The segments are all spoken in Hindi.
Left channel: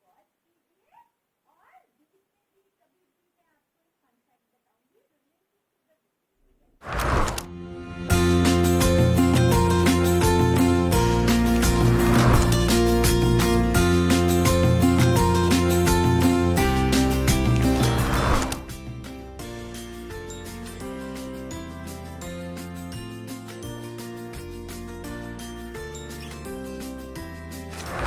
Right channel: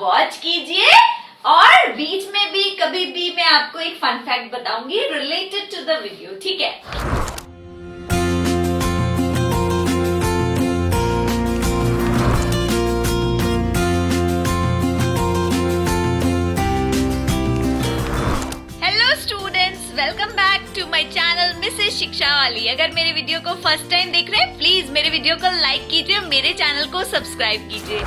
वॉच कीजिए और बीच में भी कभी भी मैं आपको एक फन फैक्ट बताऊंगी रिलेटेड टू द वीडियो, ठीक है। Welcome back to my channel Mrs Shiksha Wali. अगर मेरे वीडियो को फर्स्ट टाइम देख रहे हैं प्लीज मेरे वीडियो को लाइक कीजिए, मेरे चैनल को सब्सक्राइब कीजिए।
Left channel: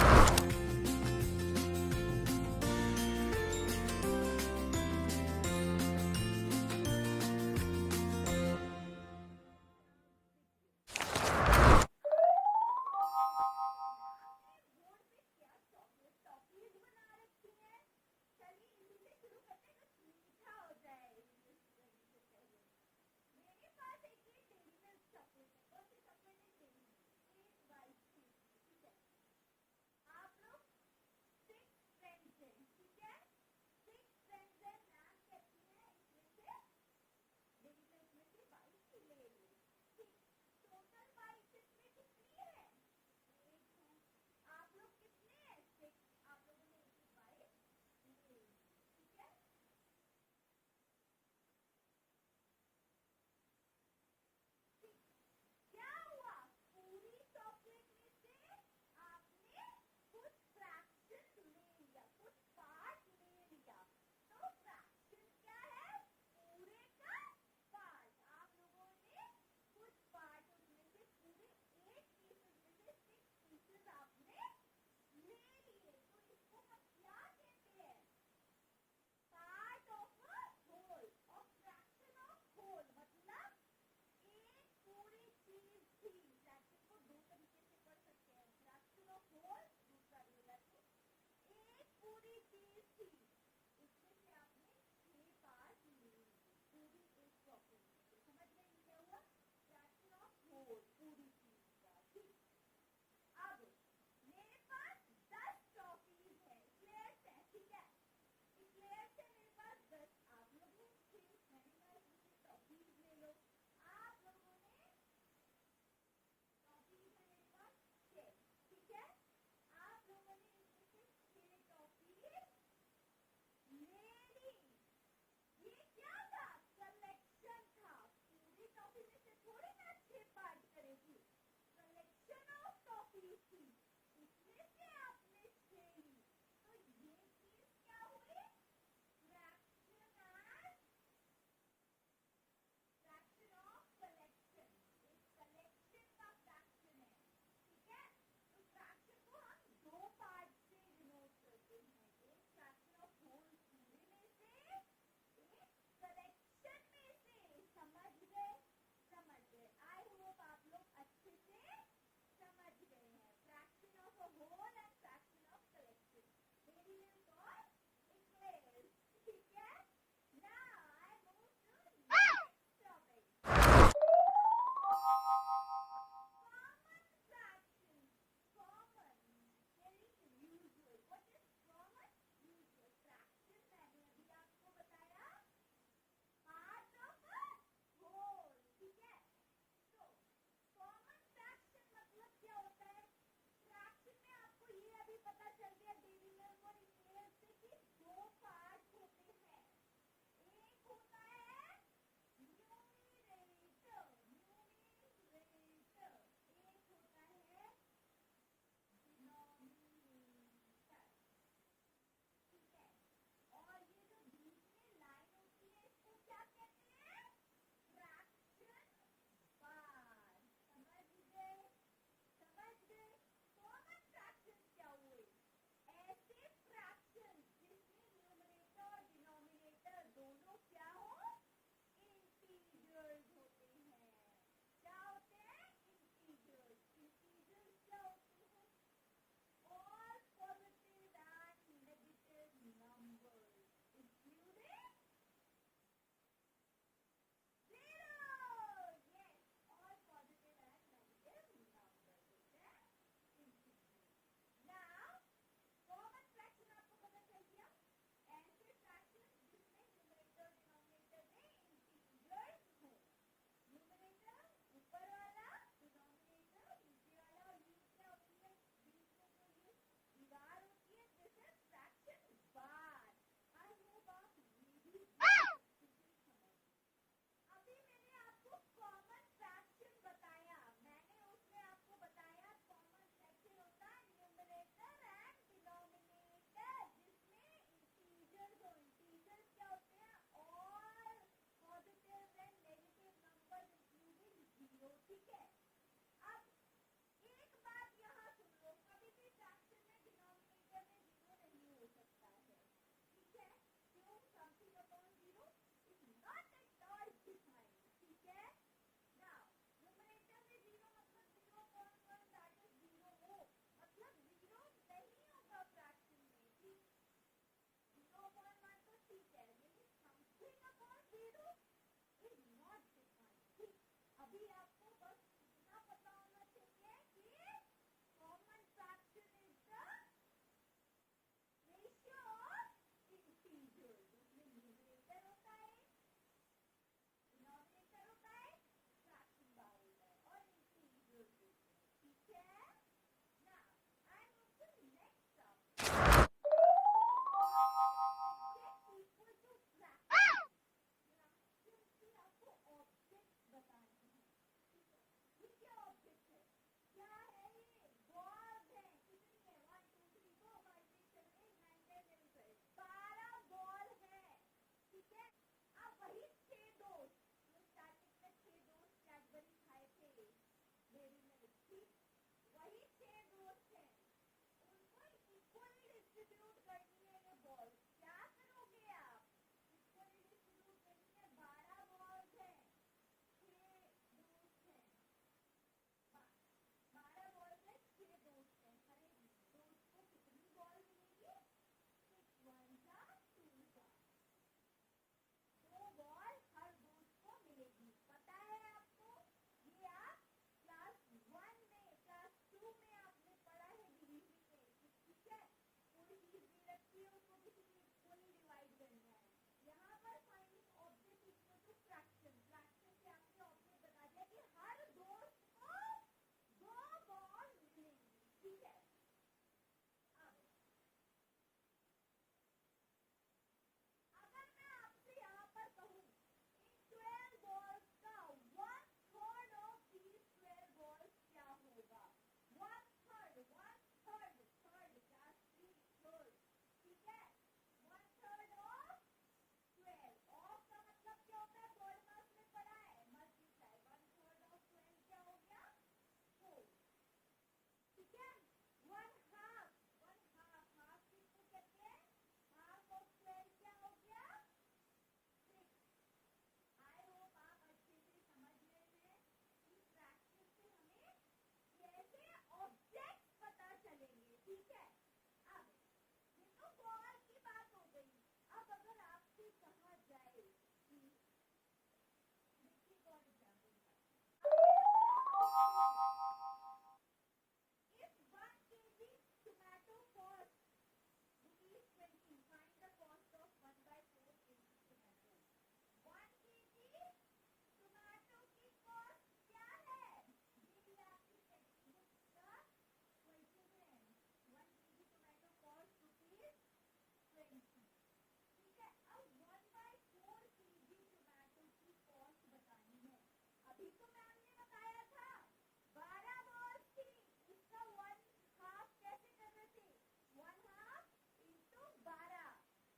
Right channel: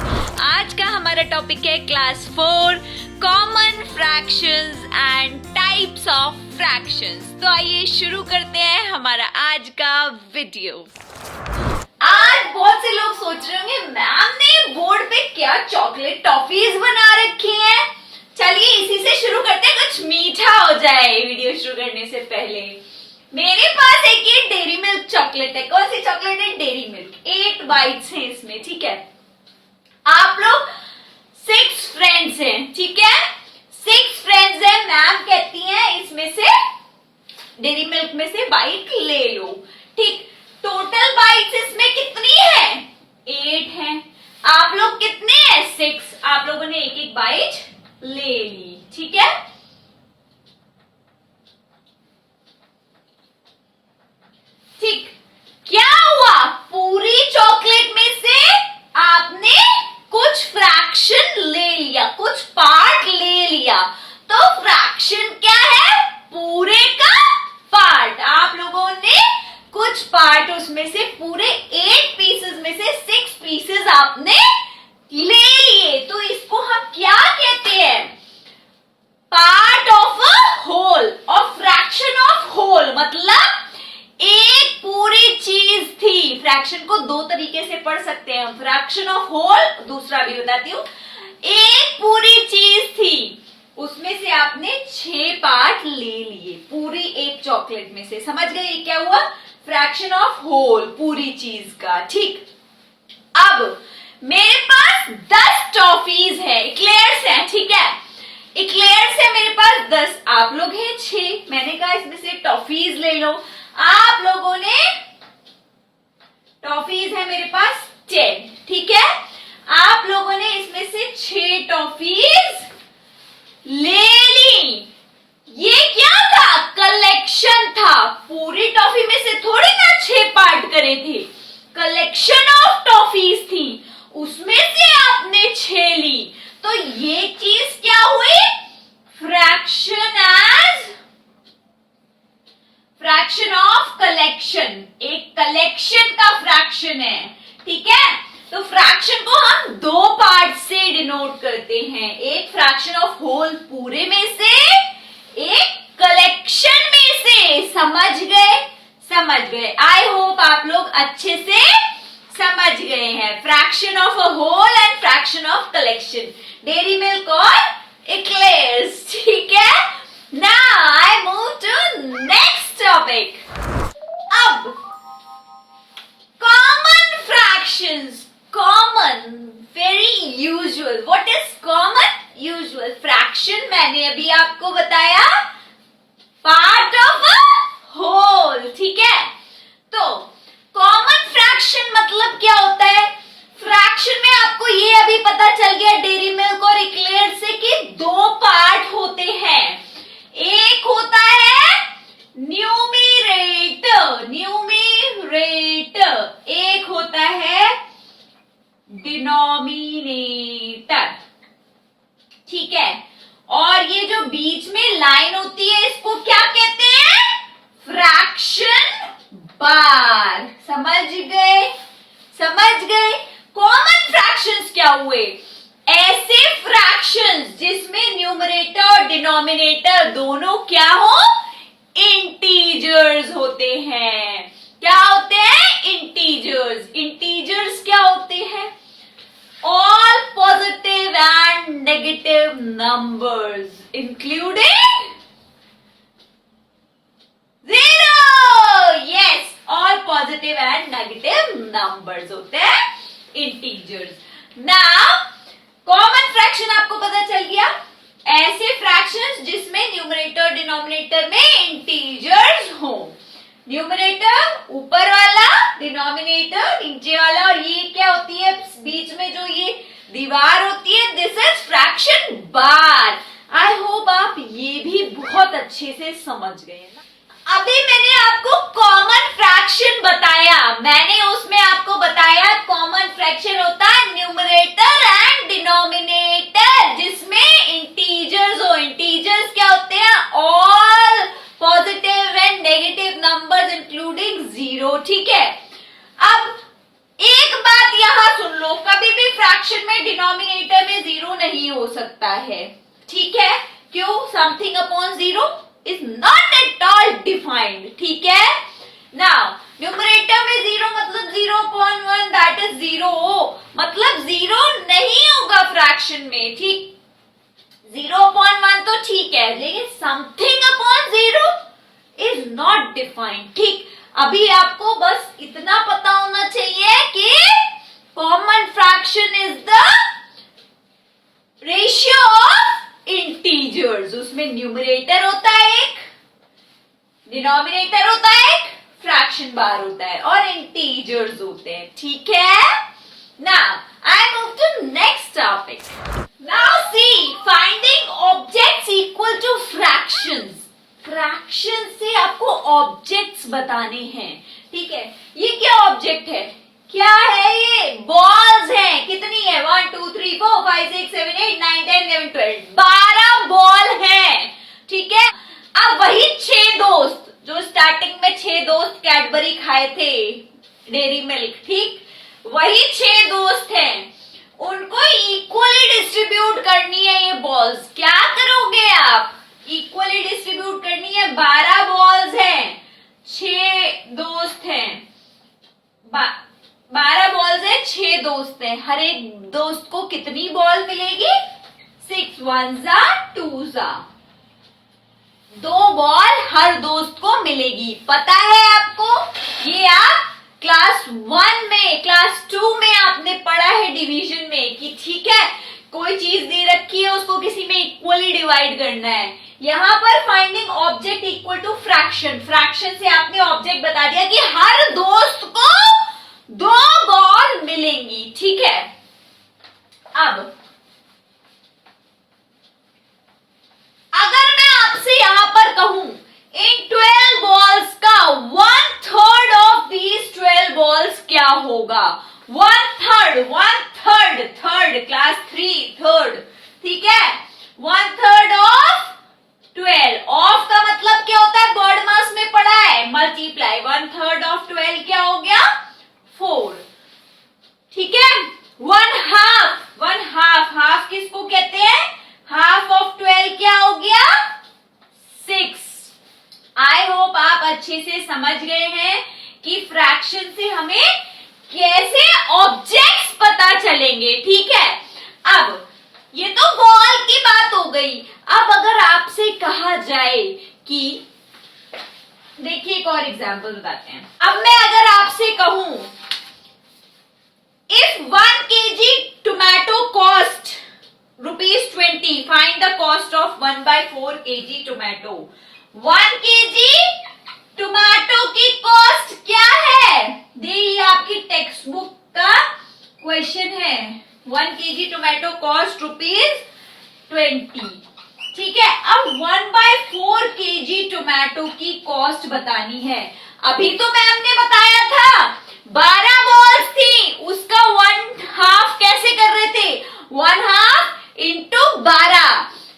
आज का हमारा टॉपिक है class 4 common fractions and types of fractions. तो आइए शुरू करते हैं हमारा आज का वीडियो। आज बहुत से लोग सोच रहे होंगे मैम ने बोर्ड पे क्या चॉकलेट टॉफीज बना रखी हैं। चलिए इसी से शुरू करते हैं, कुछ मीठा हो जाए वीडियो शुरू करने से पहले। मेरे पास एक ये डेयरी मिल्क चॉकलेट है। कौन सी चॉकलेट है? Dairy milk. 8 बाइट्स हैं इसमें, ठीक है। आप लोग 6 फ्रेंड्स हैं, ठीक है। 6 फ्रेंड्स हैं। मैम कहती हैं इसमें से डेयरी मिल्क में से बाइट ले लो, ठीक। टोटल बाइट्स इसमें कितनी है? 8 है। आप लोग कितने हैं? 6। आप लोगों ने एक एक बाइट ले ली, ठीक है। ठीक, क्या हुआ? पूरी चॉकलेट में से आपने कुछ फ्रैक्शन ले लिया, कुछ पार्ट ले लिया। तो फ्रैक्शन क्या है? पूरे का पार्ट। आप लोगों ने कुछ पार्ट उसमें से पूरे 8 पीसेस में से 6 पीसेस आपने ले लिए। तो इसको हम क्या कहते हैं? पार्ट ऑफ अ होल और फ्रैक्शन ऑफ होल मतलब एक पूरी चीज थी। फ्रैक्शन को 2 तरीके से पढ़ सकते हैं हम, फ्रैक्शन ऑफ होल, दूसरा भी बताती हूँ। एक पूरी चीज थी, उसमें से आपने 6 पार्ट ले लिए पूरी एक चॉकलेट में से। समझ गए क्या हुआ? फ्रैक्शन ऑफ होल, पूरी चीज का, ठीक। अब मेरे पास 10 टॉफीज है, इक्लेयर्स है, ठीक है। इक्लेयर्स है मेरे पास 10, आप लोग हैं 6। मैंने कहा इसमें से टॉफीज ले लो। आप लोगों ने टॉफीज है मेरे पास 10, ठीक है। आप लोगों ने इसमें से 6 टॉफीज ले ली। ये क्या था? कलेक्शन था। पूरी टॉफी में से थोड़ी ना 6 पार्ट करे थे, कलेक्शन ऑफ टॉफीज थी, उसमें से आपने 6 ली। तो ये चीज क्या हुई? Fraction as fraction of collection. एक कलेक्शन का फ्रैक्शन है, ठीक है। तो फ्रैक्शन को हम 2 पार्ट से डिनोट करते हैं, एक फ्रैक्शन ऑफ होल पूरे में से, एक कलेक्शन में से। समझ गए? समझ गए। आई होप आप लोग अच्छे से समझ गए हैं। Fraction of a whole and fraction of collection, dairy milk और इक्लेयर्स, ठीक है। Now I move to next topic. अब common fractions, common, very usual. What is common? Usual. Fraction मैंने अभी आपको बताया पार्ट ऑफ अ होल, ठीक है। तो कॉमन फ्रैक्शन मतलब क्या होता है? फ्रैक्शन में आपको ये अभी पता चल गया डेयरी मिल्क और इक्लेयर्स से कि 2 पार्ट होते हैं। एक होता है न्यूमरेटर, न्यूमरेटर, एक होता है डिनोमिनेटर, ठीक है। और ये जो बीच में लाइन होती है इसको क्या कहते हैं? फ्रैक्शन बार। समझ गए? समझ गए। कॉमन फ्रैक्शंस क्या हुए? ऐसे फ्रैक्शंस जिसमें न्यूमरेटर और डिनोमिनेटर दोनों क्या हो? इंटीजर्स होते हैं। क्या होते हैं? इंटीजर्स। इंटीजर्स क्या होते हैं? All positive and negative numbers including 0। Yes, all positive and negative numbers होते हैं इंटीजर्स। नाउ कॉमन फ्रैक्शन आपको पता चल गया, ऐसे फ्रैक्शंस जिसमें न्यूमरेटर डिनोमिनेटर में इंटीजर्स हो। न्यूमरेटर ऊपर वाला, डिनोमिनेटर नीचे वाला, और ये क्या होती है बीच में जो ये दीवार होती है, this is fraction fraction bar. I hope आप ये भी बहुत अच्छे से समझ गए ना। अभी मैंने आपको कॉमन फ्रैक्शन बताया, मैंने उसमें आपको बताया कॉमन फ्रैक्शन होता है न्यूमरेटर एंड डिनोमिनेटर, जिसमें इंटीजर्स हो। इंटीजर्स क्या होते हैं? All positive and negative numbers including zero. ठीक है, अब एक बात यहां सुन लो, कभी भी फ्रैक्शन में डिनोमिनेटर में जीरो नहीं हो सकता है। ठीक है, क्यों? Something upon zero is not at all defined. ठीक है, नाउ न्यूमरेटर में जीरो मतलब 0.1 दैट इज जीरो, मतलब जीरो नहीं होगा फ्रैक्शन में। ठीक, 0.1 तो ठीक है, लेकिन something upon zero is not defined. ठीक, अभी आपको बस इतना पता होना चाहिए कि common fraction is the ratio of integers. उसमें न्यूमरेटर होता है एक, डिनोमिनेटर होता है एक, फ्रैक्शन बार होता है और इंटीजर्स होते हैं। ठीक है, now I move to next topic. Now see finding objects equal to fractions. Fraction से आपको ऑब्जेक्ट्स बताने हैं। ठीक है, ये क्या ऑब्जेक्ट है? क्या है ये? बॉल्स हैं। कितनी है? 1 2 3 4 5 6 7 8 9 10 11 12 12 बॉल हैं। ठीक है, अब वही 6 दोस्त जो स्टार्टिंग में 6 दोस्त कैडबरी खाए थे, डेयरी मिल्क, ठीक, वही 6 दोस्त हैं, उनको इक्वली डिस्ट्रीब्यूट करनी है ये बॉल्स। क्या करोगे आप? इक्वली डिस्ट्रीब्यूट करनी है। 12 बॉल्स हैं, 6 दोस्त हैं, 12 बॉल्स हैं, 6 दोस्त हैं, हर एक दोस्त को कितनी बॉल मिलेगी? 6 1 2 2 बॉल हर दोस्त को मिलेगी। पता है आपको? ये आप क्लास 1 में, क्लास 2 में आपने पढ़ा है डिवीजन में कि ठीक है, कोई चीज दे रखी है, उसको किसी में इक्वली डिवाइड करना है। यहाँ पर finding object equal to fraction, fraction से आपने ऑब्जेक्ट बता दिया कि हर दोस्त को 2 बॉल मिलेंगी। ठीक है, अब अगर मैं आपसे यहां पर कहूं इन 12 बॉल्स का 1/3 ऑफ दीज 12 बॉल्स क्या होगा? 1/3 थर्ड, क्लास 3 थर्ड। ठीक है, 1/3 ऑफ 12, ऑफ का मतलब क्या होता है? वर्ड मास में पढ़ा है, मल्टीप्लाई। 1/3 ऑफ 12 क्या हो गया? 4। ठीक है, 1/2, हाफ किसको कहते हैं? हाफ ऑफ 12 क्या हो गया? 6। आई होप आप अच्छे से समझ गए हैं कि फ्रैक्शन से हमें कैसे ऑब्जेक्ट्स पता चलेंगे। ठीक है, अब ये तो बॉल की बात हो गई। अब अगर आपसे कहा जाए कि, देखिए एक और एग्जांपल बताते हैं। अब मैं अगर आपसे कहूं if 1 kg tomato cost ₹20, find the cost of 1/4 kg tomato. 1 kg tomato की कॉस्ट क्या है? ये आपकी टेक्स्ट बुक का क्वेश्चन है। 1 kg टोमेटो कॉस्ट ₹20। ठीक है, अब 1/4 kg टोमेटो की कॉस्ट बतानी है। अभी तो मैम ने बताया था 12 बॉल्स थी, उसका 1/2 कैसे कर रहे थे? 1/2 इंटू 12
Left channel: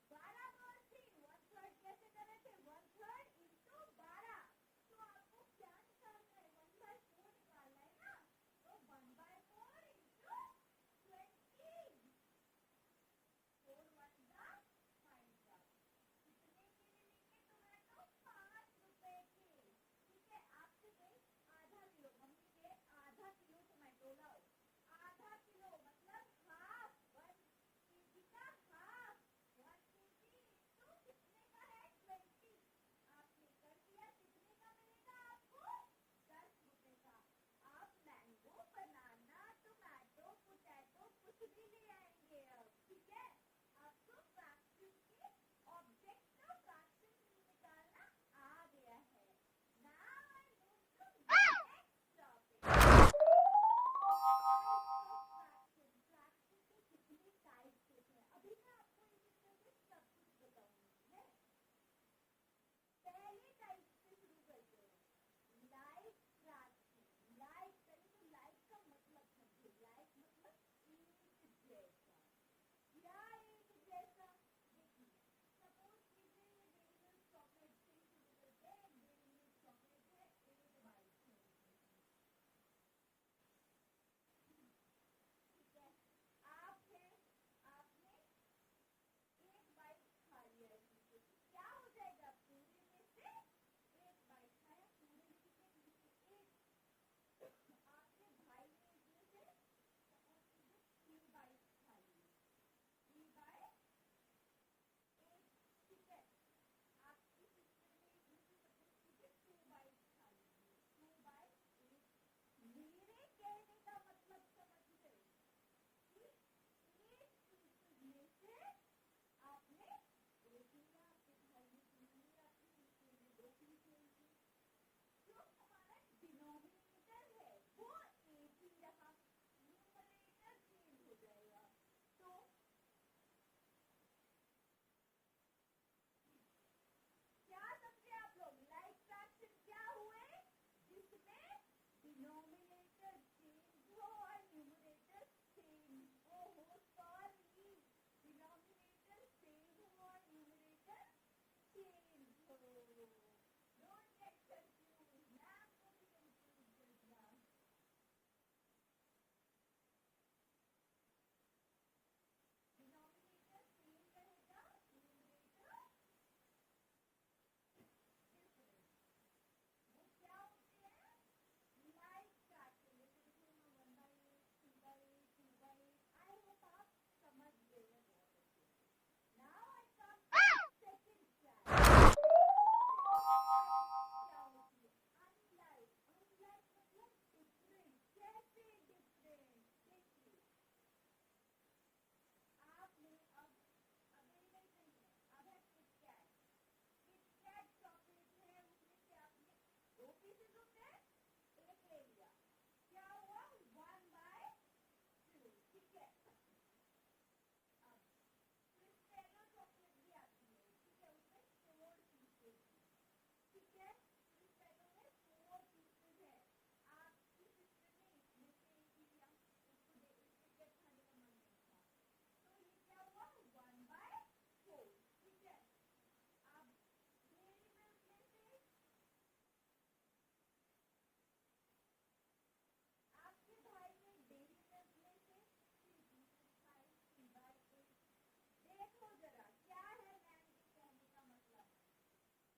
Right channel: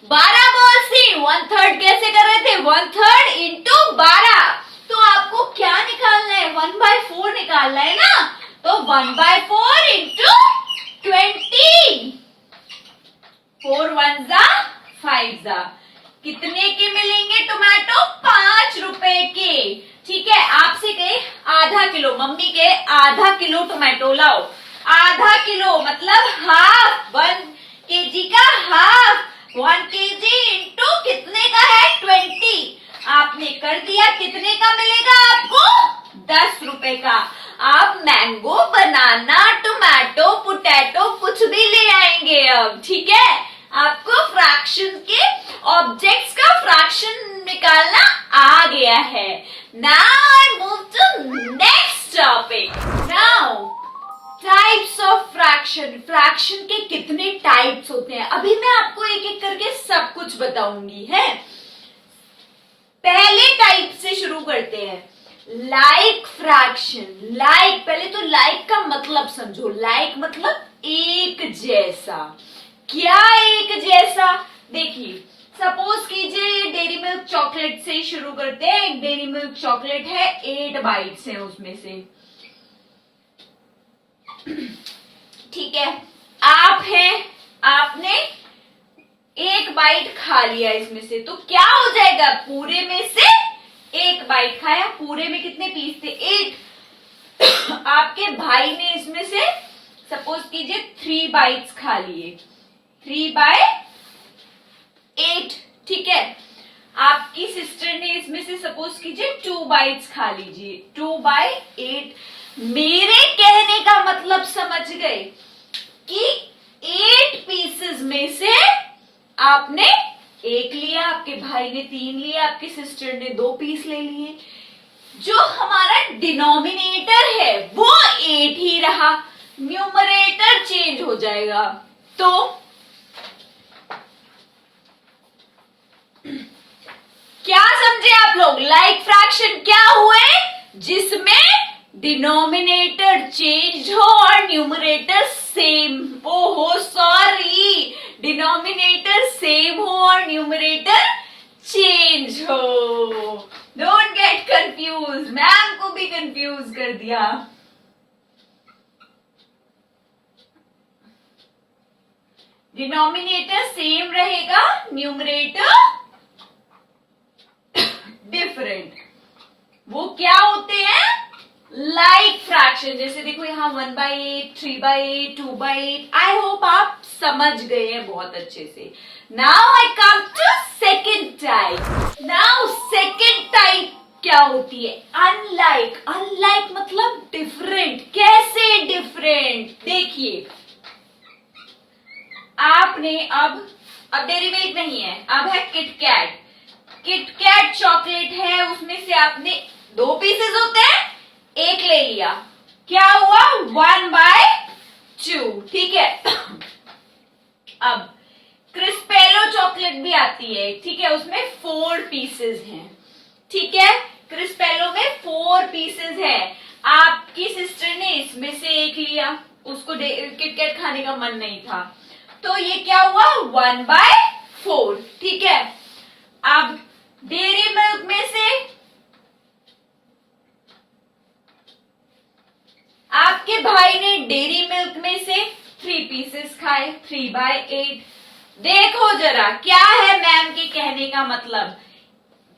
बॉल्स थी, 1/3 कैसे कर रहे थे? 1/3 इंटू 12। तो आपको क्या निकालना है? 1/4 निकालना है ना, तो 1/4 इंटू 20, 4 1 5 कितने के मिलेंगे टोमेटो? 5 रुपए के। ठीक है, आपसे कहे आधा किलो, मम्मी कहे आधा किलो टोमेटो लाओ, आधा किलो मतलब हाफ, 1 kg का हाफ, 1 kg इंटू कितने का है? 20। आपने कर दिया, कितने का मिलेगा आपको? 10 रुपए का। आप मैंगो, बनाना, टोमेटो, पोटैटो कुछ भी ले आएंगे अब। ठीक है, आपको फ्रैक्शन के ऑब्जेक्ट्स का फ्रैक्शन निकालना आ गया है। Now I move to next topic. Now types of fraction. Fraction के कितने टाइप्स होते हैं अभी मैं आपको एक एक करके सब कुछ बताऊंगी है। पहले टाइप से शुरू करते हैं, लाइक फ्रैक्शन। लाइक, पहले तो लाइक का मतलब समझो। लाइक मतलब एक जैसा। क्या एक जैसा? देखिए, सपोज कीजिए ये डेयरी मिल्क चॉकलेट से ही शुरू करते हैं। एक डेयरी मिल्क चॉकलेट है, 8 बाइट्स हैं उसमें से, ठीक है। आप हैं, आपने एक बाइट खा लिया इसमें से, तो क्या हो जाएगा? पूरे में से एक बाइट खाया, पूरे में कितने पीस थे? 8। आपके भाई ने इसमें से सपोज कीजिए 3 बाइट्स खा लिए, 3/8, ठीक है। आपकी सिस्टर ने इसमें से सपोज कीजिए 2 बाइट्स खा लीजिए, 2/8। मेरे कहने का मतलब समझ गए कि 8 पीसेस में से आपने एक लिया, आपके भाई ने 3 लिए, आपकी सिस्टर ने 2 पीस ले लिए। जो हमारा डिनोमिनेटर है वो 8 ही रहा, न्यूमरेटर चेंज हो जाएगा। तो क्या समझे आप लोग? लाइक फ्रैक्शन क्या हुए? जिसमें डिनोमिनेटर चेंज हो और न्यूमरेटर सेम। ओहो सॉरी, डिनोमिनेटर सेम हो और न्यूमरेटर चेंज हो। डोंट गेट कंफ्यूज, मैम को भी कंफ्यूज कर दिया। डिनोमिनेटर सेम रहेगा, न्यूमरेटर डिफरेंट। वो क्या होते हैं? Like fraction. जैसे देखो यहाँ 1/8, 3/8, 2/8। आई होप आप समझ गए हैं बहुत अच्छे से। Now I come to second type. Now second type क्या होती है? अनलाइक। अनलाइक मतलब डिफरेंट। कैसे डिफरेंट? देखिए, आपने अब डेयरी मिल्क नहीं है, अब है किटकैट। किटकैट चॉकलेट है, उसमें से आपने 2 पीसेस होते हैं, एक ले लिया, क्या हुआ? 1/2, ठीक है। अब क्रिस्पेलो चॉकलेट भी आती है, ठीक है, उसमें 4 पीसेस हैं, ठीक है। क्रिस्पेलो में 4 पीसेस है। आपकी सिस्टर ने इसमें से एक लिया, उसको किटकैट खाने का मन नहीं था, तो ये क्या हुआ? 1/4, ठीक है। अब डेयरी मिल्क में से आपके भाई ने डेयरी मिल्क में से 3 पीसेस खाए, 3/8। देखो जरा क्या है मैम के कहने का मतलब।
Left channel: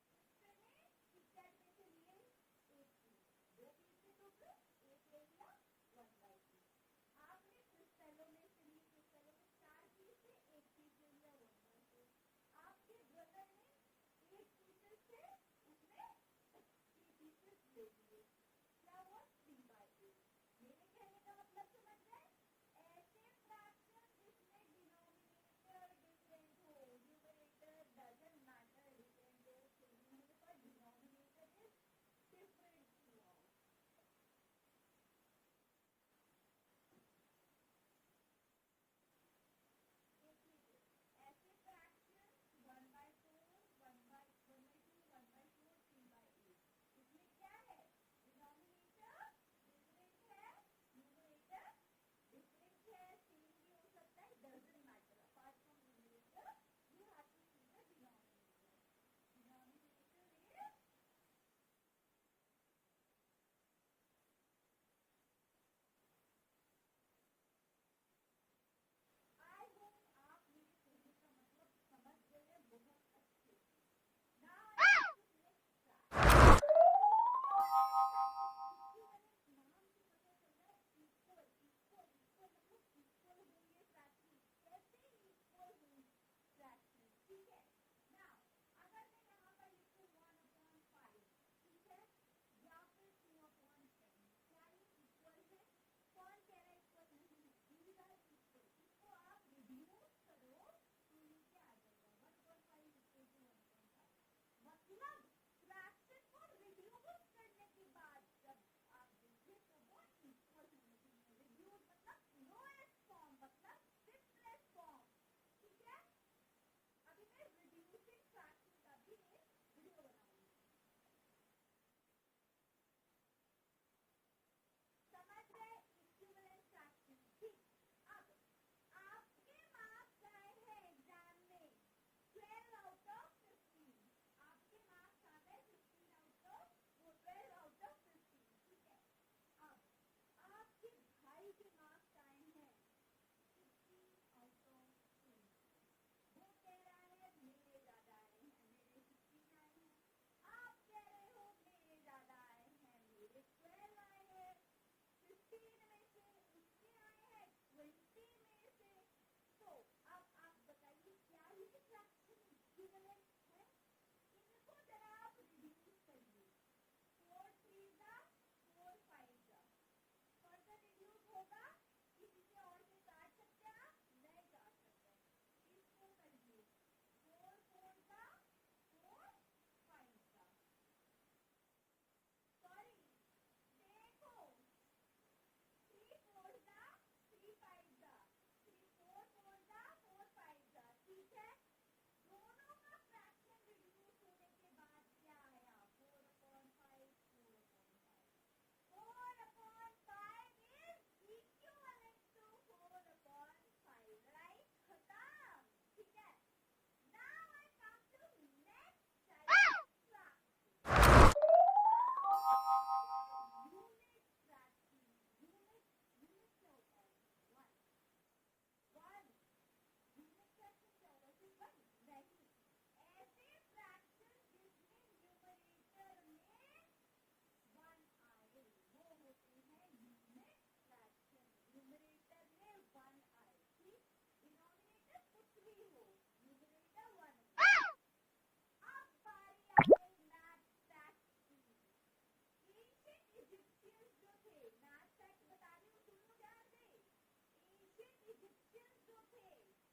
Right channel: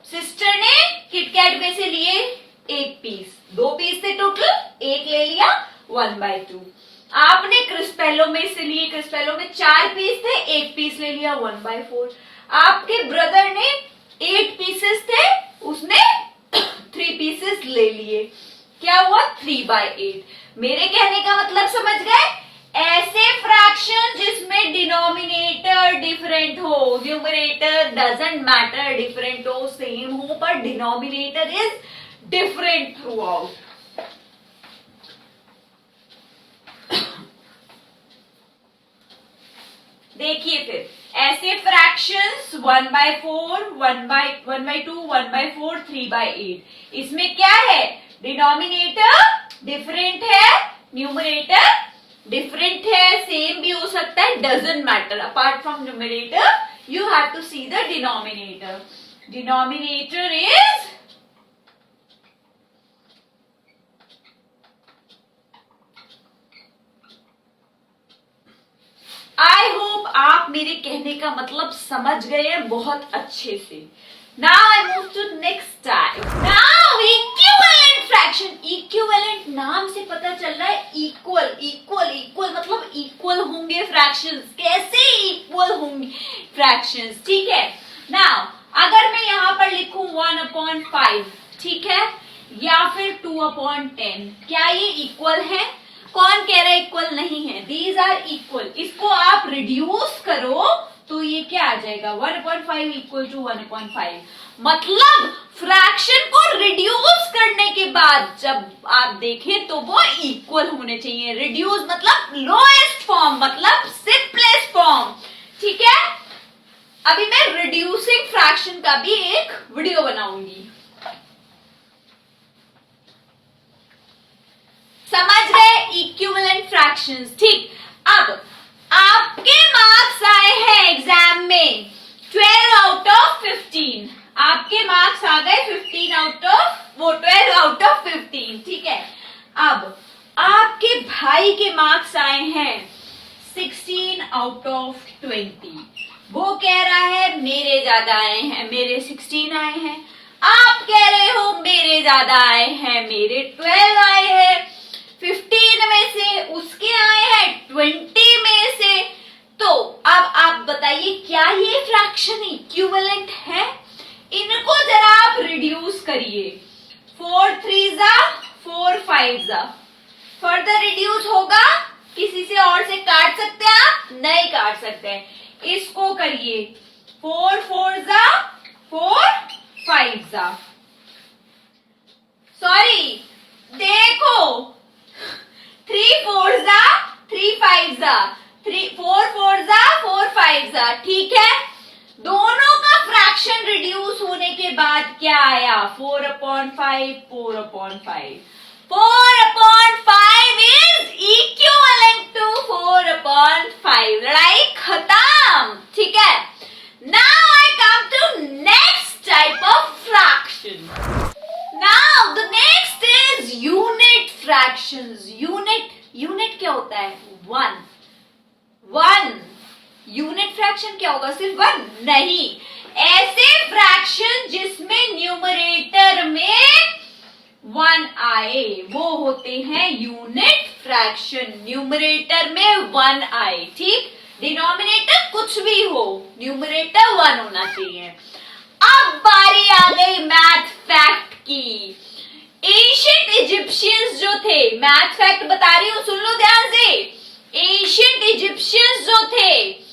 सिस्टर ने किटकैट में से लिए 1 पीस, 2 पीस थे टोटल, एक ले लिया, 1/2। आपने क्रिस्पेलो में से लिए, क्रिस्पेलो में 4 पीस थे, 1 पीस ले लिया, 1/4। आपके ब्रदर ने 8 पीसेस थे, उसने 3 पीसेस ले लिए, क्या हुआ? 3/8। मेरे कहने का मतलब समझ गए? ऐसे फ्रैक्शन जिसमें डिनोमिनेटर डिफरेंट हो, न्यूमरेटर डजंट मैटर, डिफरेंट हो, सेम हो, पर denominator is different through out. देखिए फिर ऐसे फ्रैक्शंस 1/4, 1/2, 1/4, 3/8। इसमें क्या है? डिनोमिनेटर डिफरेंट है, न्यूमरेटर डिफरेंट है, सेम भी हो सकता है, doesn't matter. Apart from numerator you have to see the denominator. Denominator is I hope आप मेरे कहने का मतलब समझ गए हैं बहुत अच्छे से। Now I move to next type. Now equivalent fraction. Equivalent नाम से पता चल रहा है equal, equal, equal मतलब equal होंगे fractions। कैसे equal होंगे fractions? ठीक है। Now अगर मैं यहाँ पर लिखूं 1/5, ठीक है, या फिर 2/10, क्या ये equal है? कौन कह रहा है इक्वल नहीं है? These are equal. इसको आप रिड्यूस करो तो ये क्या आ जाएगा 1/5 इक्वल टू 1/5। मतलब फ्रैक्शन को रिड्यूस करने के बाद जब आप देखें तो वो इक्वल होने चाहिए। रिड्यूस मतलब लोएस्ट फॉर्म, मतलब सिंपलेस्ट फॉर्म। ठीक है, अभी मैं रिड्यूसिंग फ्रैक्शन का भी एक वीडियो बनाऊंगी। समझ गए इक्विवेलेंट फ्रैक्शंस। ठीक, अब आपके मार्क्स आए हैं एग्जाम में 12 आउट ऑफ 15। आपके मार्क्स आ गए 12 आउट ऑफ 15। ठीक है, अब आपके भाई के मार्क्स आए हैं 16 आउट ऑफ 20। वो कह रहा है मेरे ज्यादा आए हैं, मेरे 16 आए हैं। आप कह रहे हो मेरे ज्यादा आए हैं, मेरे 12 आए हैं। 15 में से उसके आए हैं 20 में से। तो अब आप बताइए क्या ये फ्रैक्शन इक्विवेलेंट है? इनको जरा आप रिड्यूस करिए। 4 3 4 5 फर्दर रिड्यूस होगा। किसी से और से काट सकते हैं आप? नहीं काट सकते। इसको करिए 4 4 4 5 सॉरी देखो 3 4 3 5 4 4 4 5 ठीक है। दोनों का फ्रैक्शन रिड्यूस होने के बाद क्या आया 4/5 4/5। 4/5 इज इक्विवेलेंट टू 4/5। लड़ाई खत्म। ठीक है, now I come to next type of fraction. Now the next is unit fractions. Unit क्या होता है? 1 यूनिट फ्रैक्शन क्या होगा? सिर्फ 1 नहीं, ऐसे फ्रैक्शन जिसमें न्यूमरेटर में 1 आए वो होते हैं यूनिट फ्रैक्शन। न्यूमरेटर में 1 आए। ठीक, डिनोमिनेटर कुछ भी हो, न्यूमरेटर 1 होना चाहिए। अब बारी आ गई मैथ फैक्ट की। एशियंट इजिप्शियंस जो थे, मैथ फैक्ट बता रही हूं, सुन लो ध्यान से। एशियंट इजिप्शियंस जो थे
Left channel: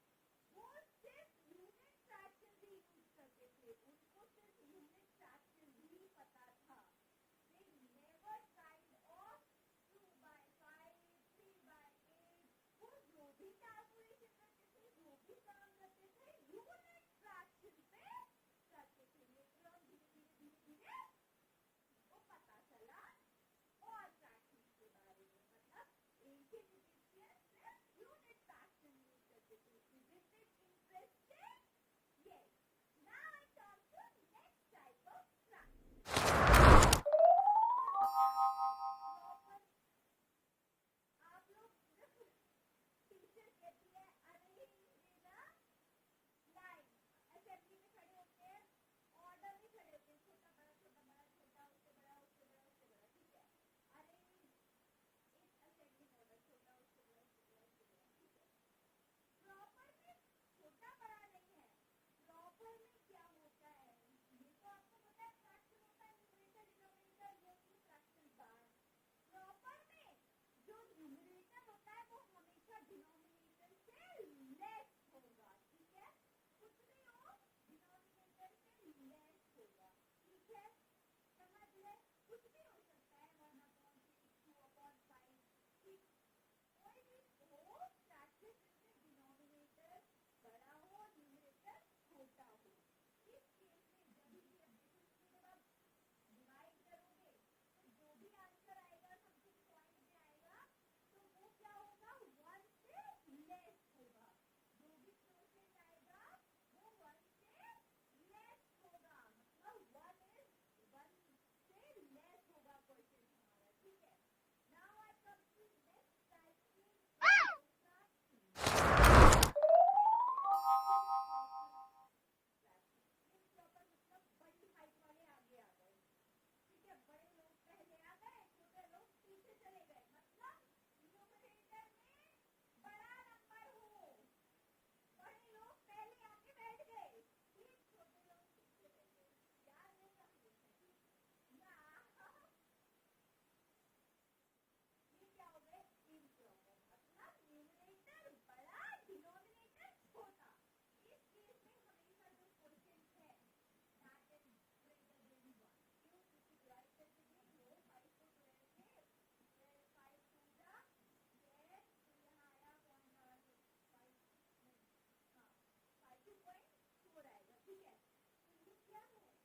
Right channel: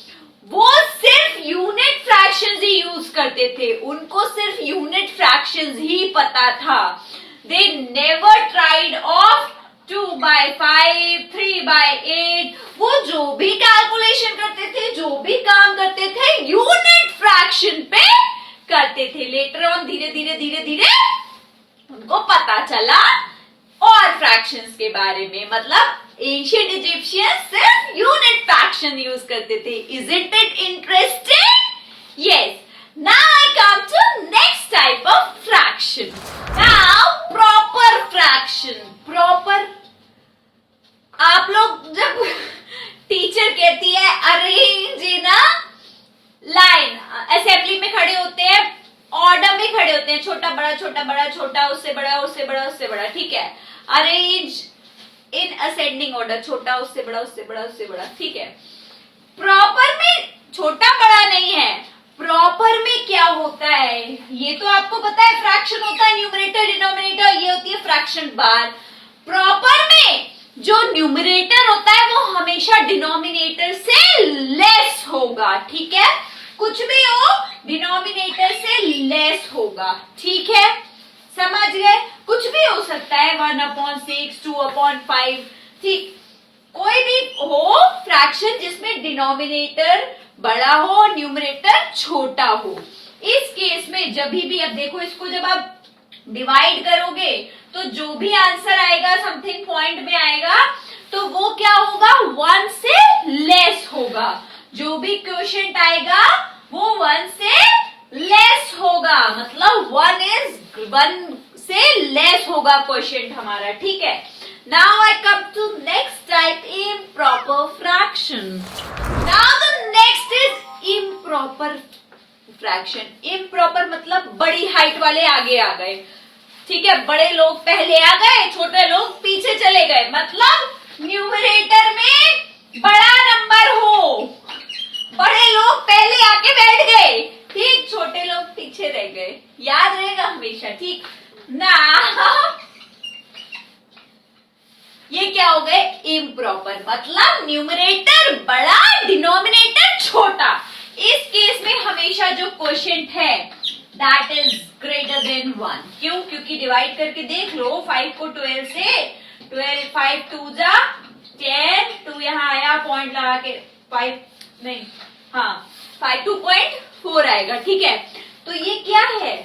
वो सिर्फ यूनिट फ्रैक्शंस ही यूज करते थे। उनको सिर्फ यूनिट फ्रैक्शंस ही पता था। They never tried of 2/5 3/8। वो जो भी कैलकुलेशन करते थे, जो भी काम करते थे, यूनिट फ्रैक्शन पे करते थे। लेटर ऑन धीरे धीरे उनको पता चला और फ्रैक्शंस के बारे में। मतलब एंशिएंट इजिप्शियंस सिर्फ यूनिट फ्रैक्शन यूज करते थे। Isn't it interesting? Yes. Now I come to next type of fraction. Now proper fraction. Proper, आप लोग जब टीचर कहती है arrange in a line, assembly में खड़े होते हैं, ऑर्डर में खड़े होते हैं, छोटा बड़ा छोटा बड़ा छोटा, उससे बड़ा उससे बड़ा उससे बड़ा। ठीक है, अरेंज इन असेंडिंग ऑर्डर, छोटा उससे बड़ा उससे बड़ा उससे बड़ा। ठीक है, प्रॉपर में छोटा बड़ा नहीं है। प्रॉपर में क्या होता है ये तो आपको पता है। फ्रैक्शन होता है न्यूमरेटर डिनोमिनेटर, ये होती है फ्रैक्शन बार। प्रॉपर में जो न्यूमरेटर होता है वो हमेशा डिनोमिनेटर से लेस होगा। ठीक है, कुछ भी हो डिनोमिनेटर से लेस होगा। ठीक है, समझ गए? कुछ भी हो सकता है 1/6 2/5। ठीक, कोई भी हो फ्रैक्शन जिसमें डिनोमिनेटर बड़ा हो न्यूमरेटर छोटा हो। इस केस में जब भी अब देखो, इसको जब आप डिवाइड करोगे तो जो भी आंसर आएगा समथिंग पॉइंट में आएगा तो वो क्या होगा 1 से लेस होगा। जो भी क्वोशिएंट आएगा वो 1 से लेस होगा। मतलब 1 से लेस होगा क्वोशिएंट हमारा। ठीक है, now I come to next type, improper fraction. Now the next is improper fraction. Improper मतलब बड़ी हाइट वाले आगे आ गए। ठीक है, बड़े लोग पहले आ गए, छोटे लोग पीछे चले गए। मतलब न्यूमरेटर में बड़ा नंबर हो, बड़े लोग पहले आके बैठ गए। ठीक, छोटे लोग पीछे रह गए। याद रहेगा हमेशा। ठीक ना, ये क्या हो गए इम्प्रॉपर। मतलब न्यूमरेटर बड़ा डिनोमिनेटर छोटा। इस केस में हमेशा जो क्वोशिएंट है दैट इज ग्रेटर देन 1. क्यों? क्योंकि डिवाइड करके देख लो 5 को 12 से, 12 5 2 जा 10, 2 यहाँ आया पॉइंट लगा के 5 नहीं, हाँ 5 2.4 आएगा. ठीक है, तो ये क्या है?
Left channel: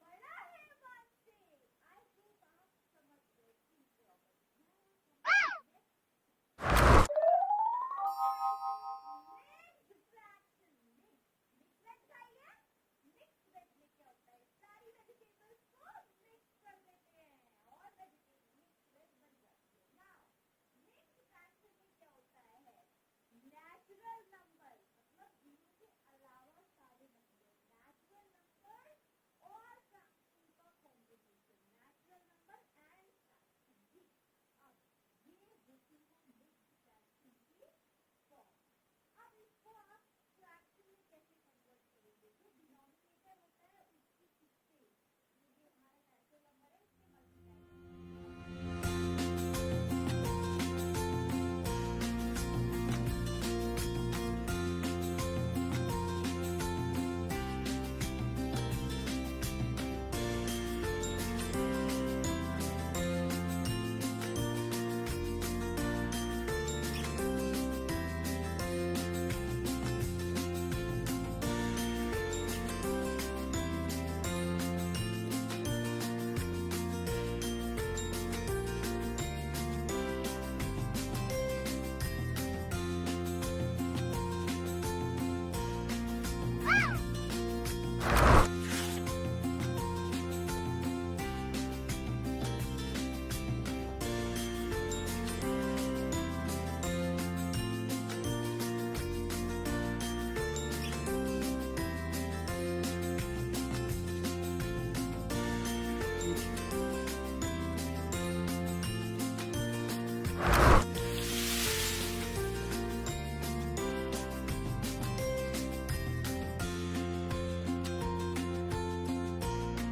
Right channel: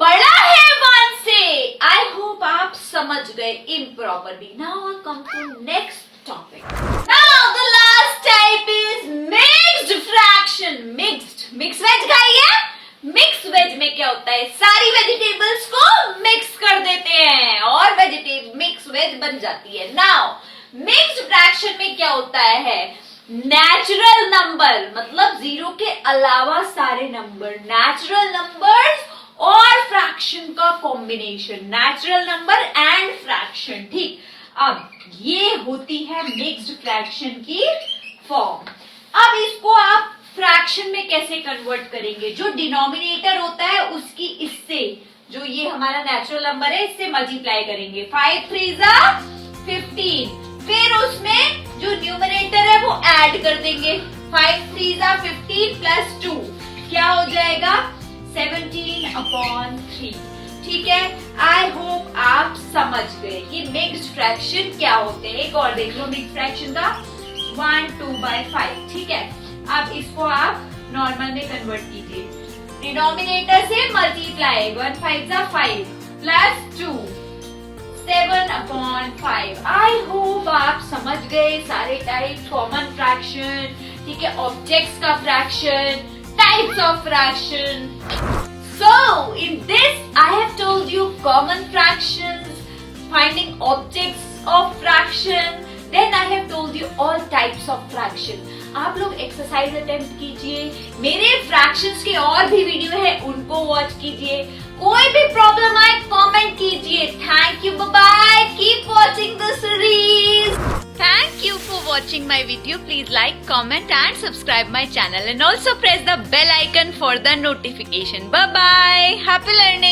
बड़ा है 1 से. आई होप आप समझ गए improperly. Now I come to next topic. Now the last type is mixed fraction. Mix veg खाई है. मिक्स वेज में क्या होता है? सारी वेजिटेबल्स को मिक्स कर देते हैं और मिक्स वेज बन जाती है. नाउ मिक्स्ड फ्रैक्शन में क्या होता है? नेचुरल नंबर मतलब 0 के अलावा सारे नंबर, नेचुरल नंबर्स और फ्रैक्शन का combination, natural number and fraction. ठीक, अब ये होती है मिक्स्ड फ्रैक्शन की फॉर्म. अब इसको आप फ्रैक्शन में कैसे कन्वर्ट करेंगे? जो डिनोमिनेटर होता है उसकी इससे, जो ये हमारा नेचुरल नंबर है, इससे मल्टीप्लाई करेंगे. 5 3 जा 15. फिर उसमें जो न्यूमरेटर है वो ऐड कर देंगे. 5 3 जा 15 प्लस 2 क्या हो जाएगा? 17/3. ठीक है, आई होप आप समझ गए कि मिक्स्ड फ्रैक्शन क्या होते हैं. एक और देख लो मिक्स्ड फ्रैक्शन का 1 2/5. ठीक है, अब इसको आप नॉर्मल में कन्वर्ट कीजिए. डिनोमिनेटर से मल्टीप्लाई 1 5 जा 5 प्लस 2 7/5. आई होप आप समझ गए सारे टाइप. कॉमन फ्रैक्शन, ठीक है, ऑब्जेक्ट्स का fraction, types of fraction. So in this I have told you common fractions, finding objects of fraction, then I have told you all types of fraction. आप लोग एक्सरसाइज अटेम्प्ट कीजिए. मेरे फ्रैक्शंस के और भी वीडियो है, उनको वॉच कीजिए. कोई भी प्रॉब्लम आए कमेंट कीजिए. Thank you, bye bye. Keep watching the series. Thank you for watching my video. Please like, comment and subscribe my channel and also press the bell icon for the notification. Bye bye. Happy learning.